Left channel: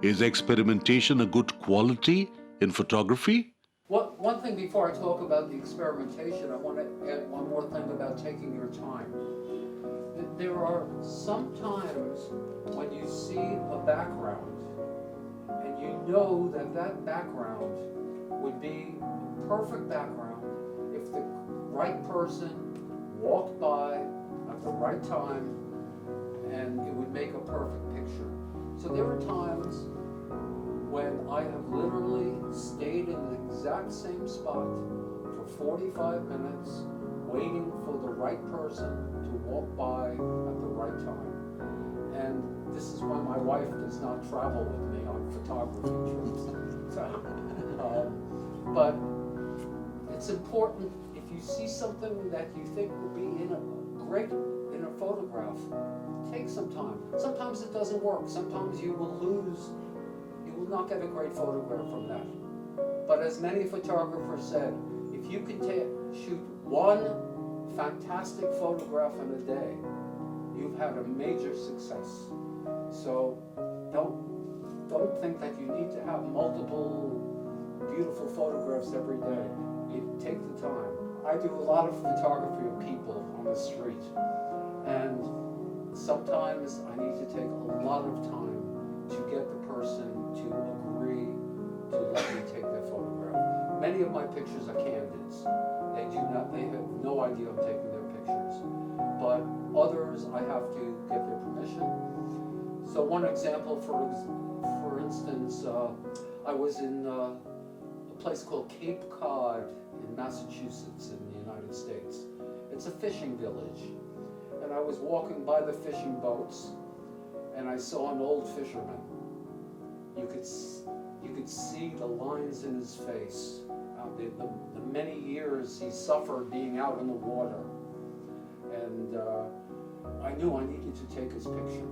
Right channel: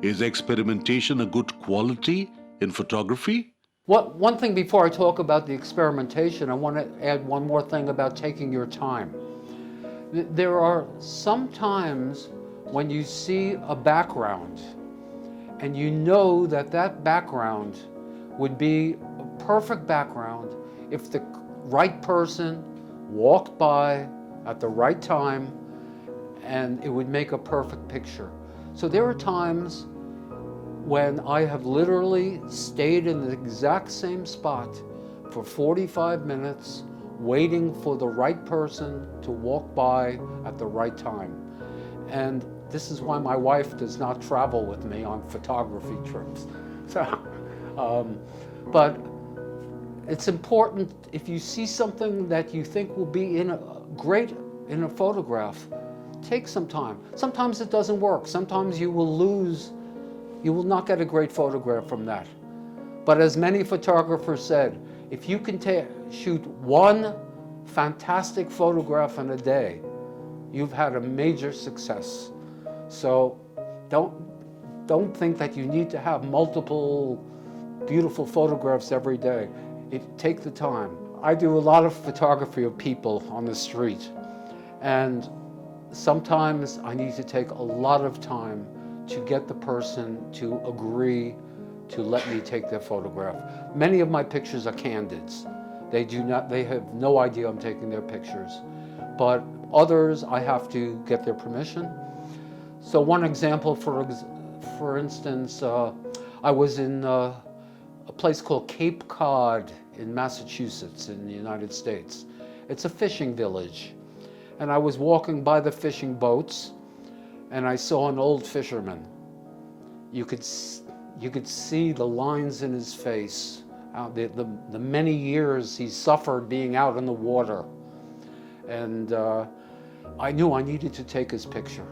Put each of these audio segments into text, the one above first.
Is experimentation a good quality in photography? One thing before I talk about the experimentation, I want to add one more thing about taking your time. There are some times when you see a background and you know that that background would be a perfect background if the right person walked by at the right time, and it would make a perfect picture. So there are times when I have literally stayed in the exact same spot for 45 minutes waiting for the right person to walk by at the right time. And this is why my wife does not travel with me on photography trips. But it's important, if you see something that you think will be great in a photograph, take some time. Sometimes it doesn't work. Sometimes you will not get a great photograph from that. But as many photographers said, if you can shoot one fantastic photograph in a day, you've had a major success. So don't think that you need to have multiple beautiful photographs every day. Take the time. I do a lot of photography of people on the street, and sometimes I need to take a lot of time to get the person to agree to let me take their photograph. Many of my pictures are candids. They have no idea I'm taking their pictures. But others, I have to get their permission. So one example, for instance, I was in a place called Cape Cod in Massachusetts in the United States. It's a fishing village. And I was walking by the fishing boats, and I saw an old fisherman. You could see the lines in his face, the many years he suffered being out in the water. And I knew I needed to take his picture.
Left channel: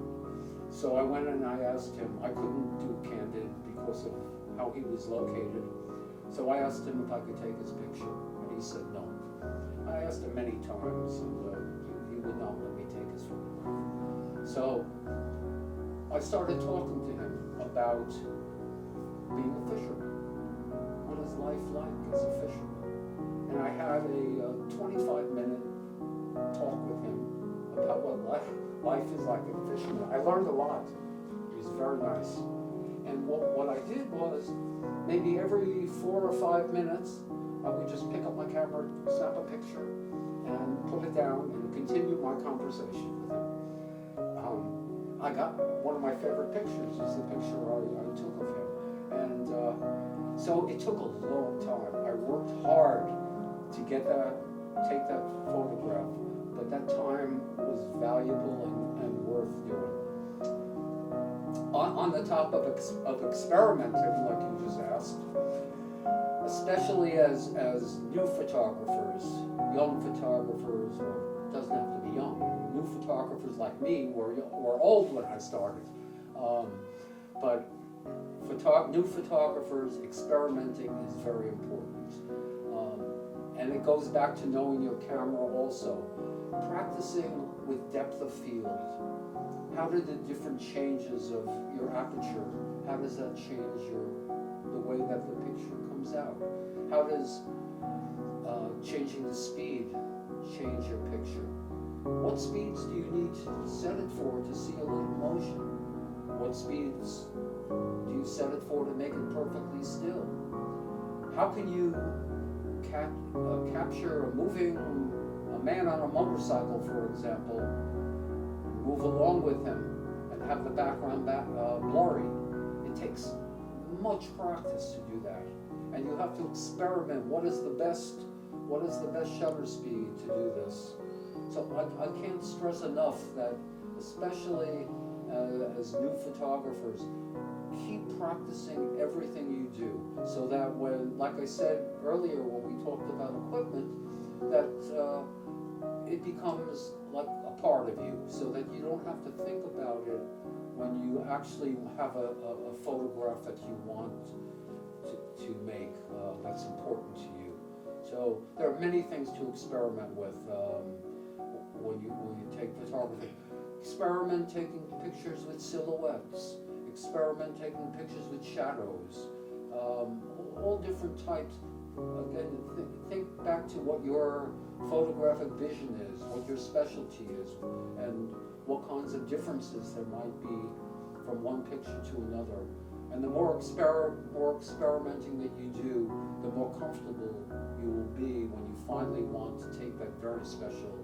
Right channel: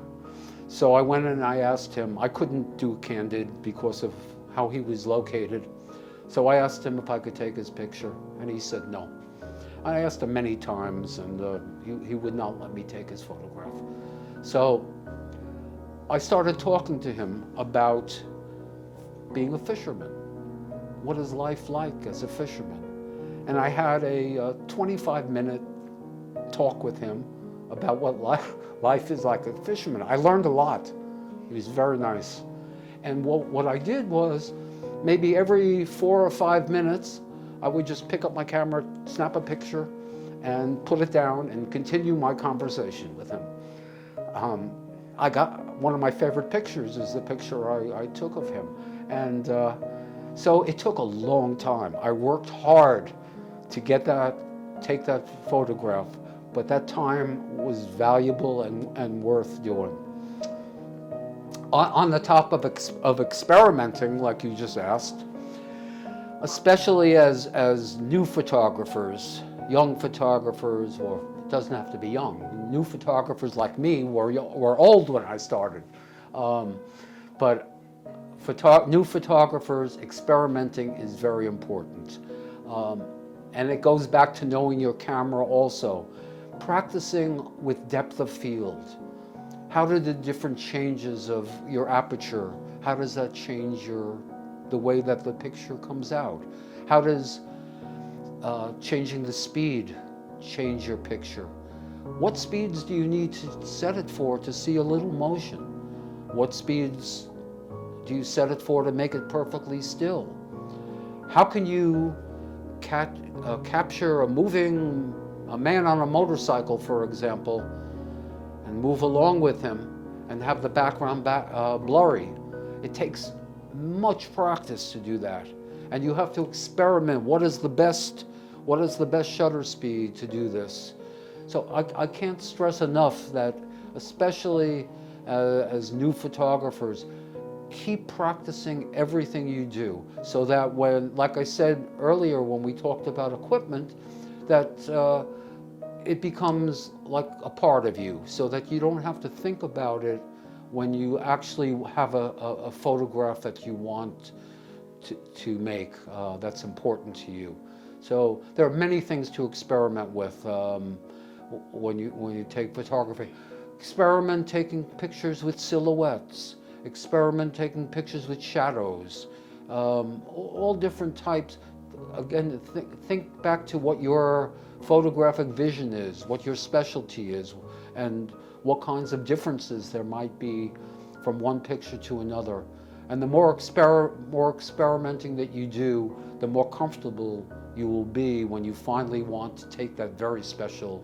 So I went and I asked him. I couldn't do candid because of how he was located. So I asked him if I could take his picture, and he said no. I asked him many times, and he would not let me take his photograph. So I started talking to him about being a fisherman. What is life like as a fisherman? And I had a 25-minute talk with him about what life is like as a fisherman. I learned a lot. He was very nice. And what I did was, maybe every 4 or 5 minutes, I would just pick up my camera, snap a picture, and put it down and continue my conversation with him. I got one of my favorite pictures is the picture I took of him. And so it took a long time. I worked hard to take that photograph, but that time was valuable and worth doing. On the topic of experimenting, like you just asked, especially as new photographers, young photographers, or it doesn't have to be young, new photographers like me were old when I started. But new photographers, experimenting is very important. And it goes back to knowing your camera also. Practicing with depth of field. How do the different changes of your aperture, how does that change the way that the picture comes out? How does changing the speed change your picture? What speeds do you need to set it for to see a little motion? What speeds do you set it for to make it perfectly still? How can you capture a man on a motorcycle, for example, and move along with him and have the background blurry? It takes much practice to do that, and you have to experiment. What is the best shutter speed to do this? So I can't stress enough that, especially as new photographers, keep practicing everything you do, so that when, like I said earlier when we talked about equipment, that it becomes like a part of you, so that you don't have to think about it when you actually have a photograph that you want to make that's important to you. So there are many things to experiment with when you take photography. Experiment taking pictures with silhouettes. experiment taking pictures with shadows, all different types. Again, think back to what your photographic vision is, what your specialty is, and what kinds of differences there might be from one picture to another. And the more experimenting that you do, the more comfortable you will be when you finally want to take that very special